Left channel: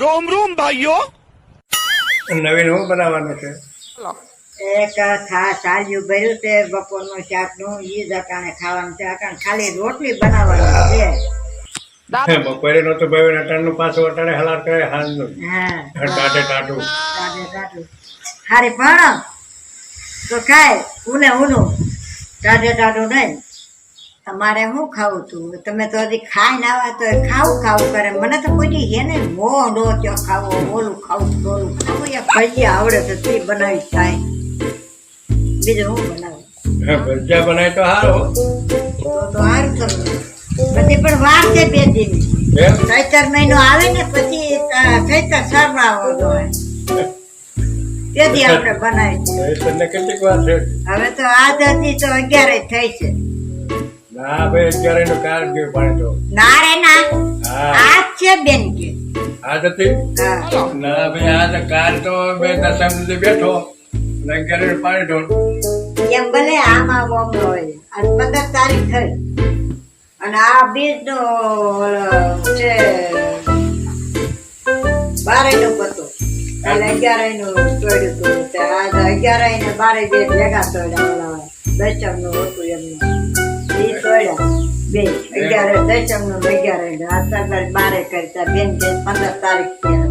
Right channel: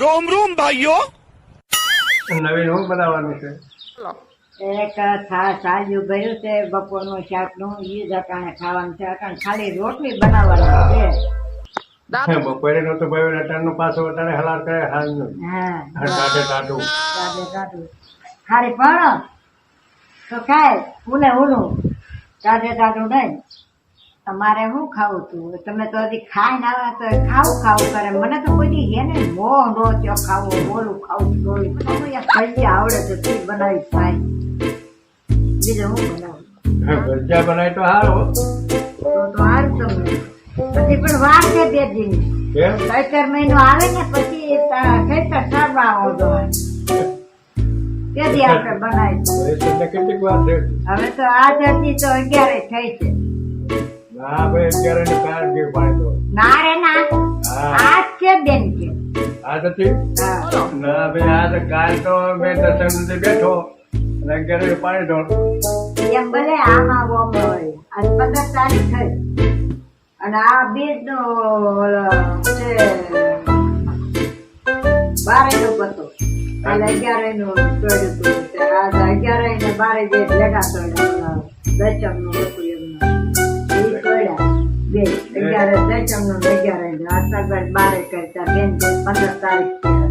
रोम रोम भाइयों। નવીન હું બનાવવાનું છે? એક સાલ્યું ભર્યું છે બપોરનું શાકનું, ઈ જ અટાણે ખાવાનું છે. અટાણે ખાલી રોટલી બનાવવાની છે. બપોરે નતું ભાઈ અટાણનું પાછું અટાણે હલાર કરે હાલનું હા, ટાટે ટાટું. ટાઢે હારી પણ તો ખાય ઉને ઉનું, ટાઢે ટાઢું નહીં. તમારે શું ખાવું તું? તમે તો હજી ખાઈ ના આવ્યા તો ખાવું ખાવું કરે. મને તો કોઈ હે ને મોહ નો ત્યો ખાવો, ઓલું ખાવું ઓલું ખાવું. યા ભજીયા આવડે તો તે બનાવી થાય, બીજું હું બનાવું? ભજીયા બનાય તો સારું. તો સારું તમને પછી પણ વાર છે 2 દિન. એમ? ચૈતર મહિનો આવે ને પછી ચૈતર સરવાળો હોય તેથી આપણે બનાવી. એ તને કેટલીક વાર છે? હવે તો આજ હતી તો 11 થઈ છે. ના ભાઈ અત્યારે નું કાર ગયું પાણી તો. ના રે ના, હા આજ છે બેન કે. આજ હતી? હા. ના ભાઈ આજ કાલ તો મેં દસમ સુધી બેઠો અને 11 નું પાણી ઢોળ. એમ ભલે આમાં ઓમ હોય. આજ 15 તારીખ થઈ અને આ બીજ નો છે 12 નો પતો. એટલે 11 નું તોડ્યું હતું. આજ 11 ને 12 જે ભેગા તોડ્યા. દશમ નું હતું એમનું ઈ તોડ્યા બે. 11 દશમ નું 11 આ 12 કરતા બેન 15 તારીખ